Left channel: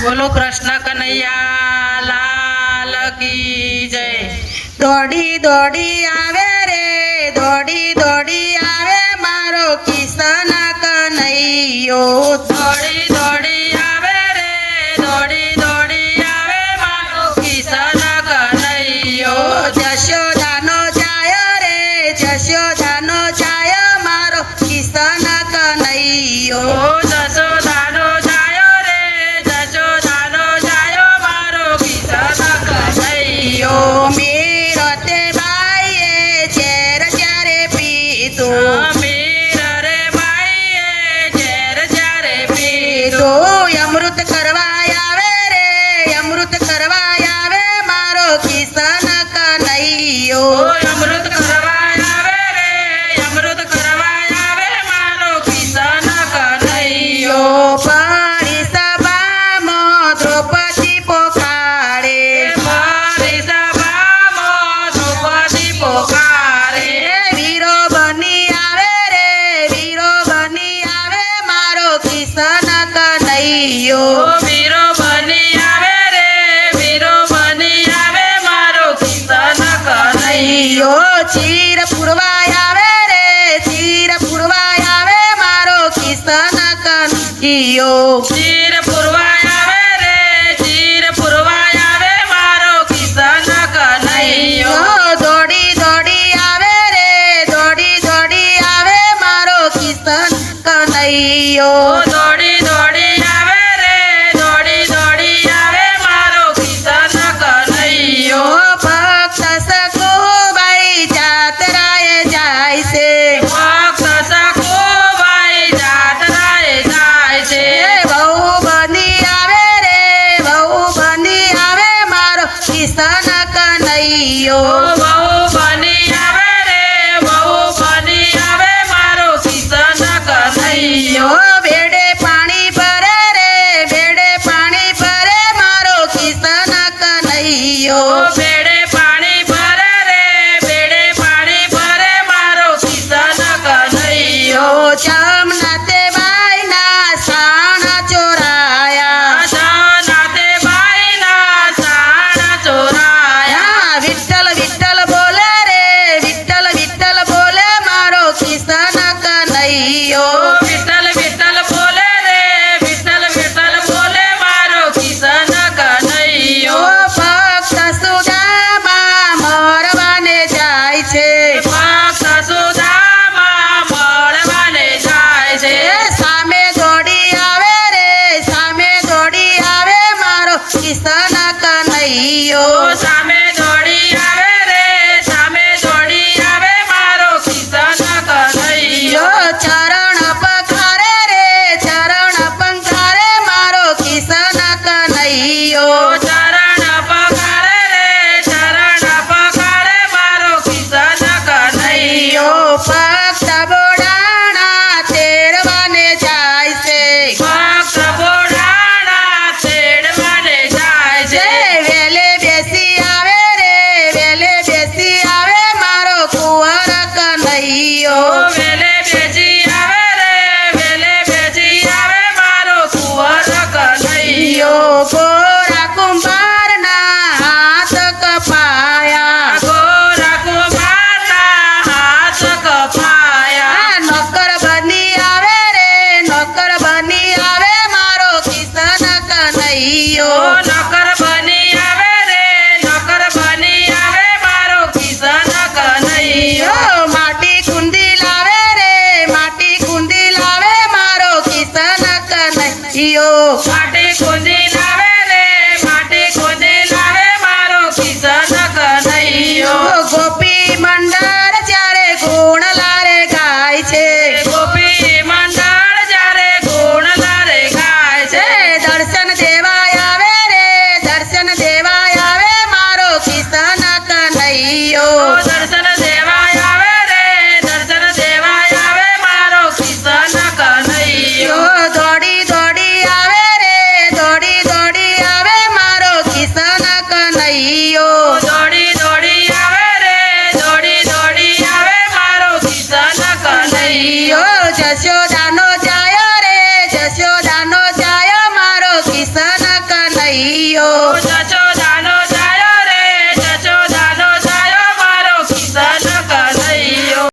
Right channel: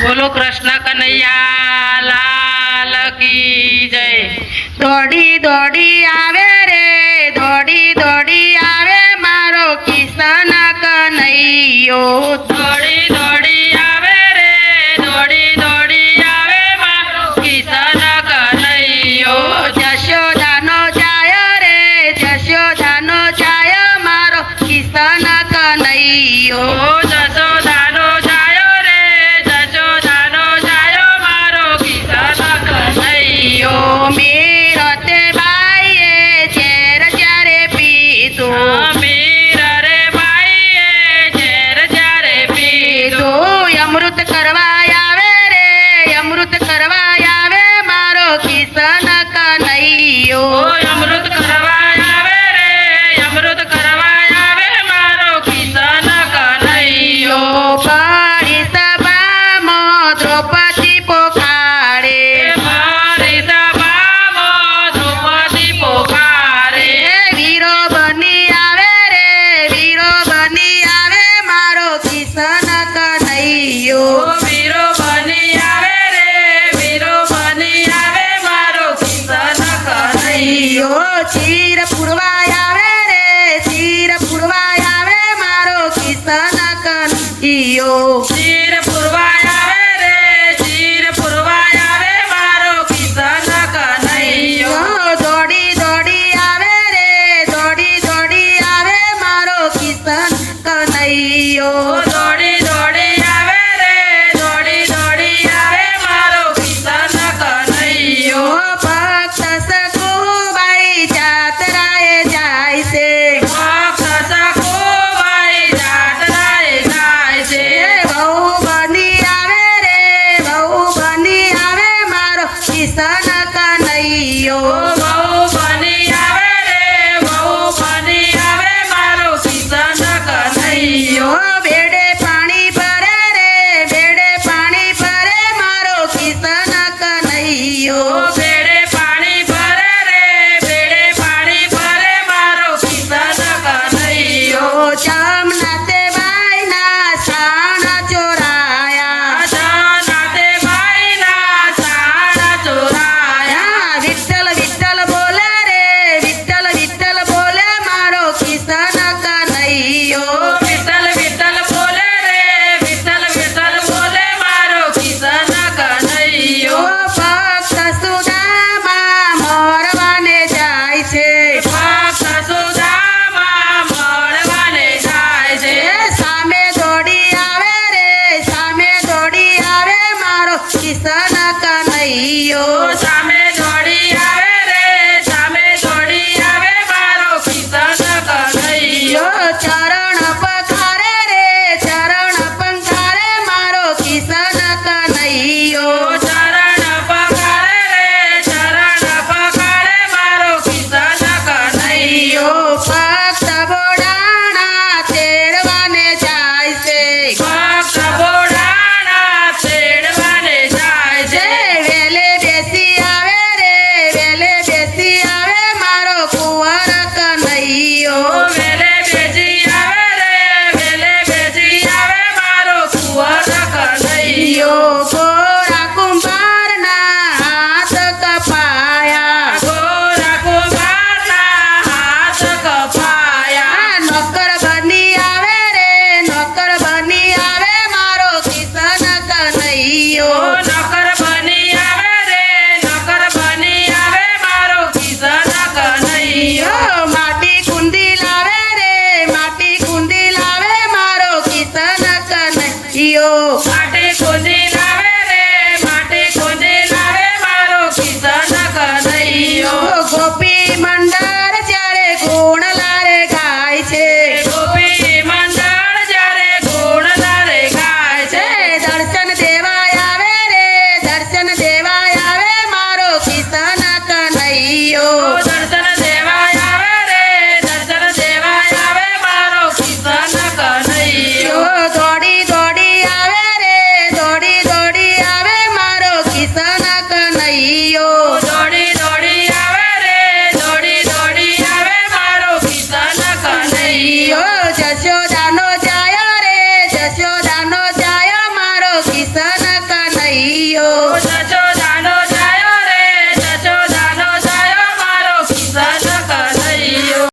બોલો કૃષ્ણ કનૈયા લાલ કી જય। દોડી દોડી આવે રે, દોડી દોડી આવે મારો કિશન કનૈયો। દોડી દોડી આવે રે, દોડી દોડી આવે મારો કિશન કનૈયો। જશોદાનો જાય રે, જશોદાનો જાય મારો કિશન કનૈયો। જશોદાનો જાયો રે, જશોદાનો જાયો મારો કિશન કનૈયો। મેરતે બાઈએ ઝેર જ્યારે પીધું, મીર રે બાઈએ ઝેર જ્યારે પીધું। અમૃત કરવા આવે રે, અમૃત કરવા આવે મારો કિશન કનૈયો। અમૃત કરવા આવે રે, અમૃત કરવા આવે મારો કિશન કનૈયો। પડી સભામાં દ્રૌપદી પોકારે, મારી સભામાં દ્રૌપદી પોકારે। વીરો બની આવે રે, વીરો બની આવે મારો કિશન કનૈયો।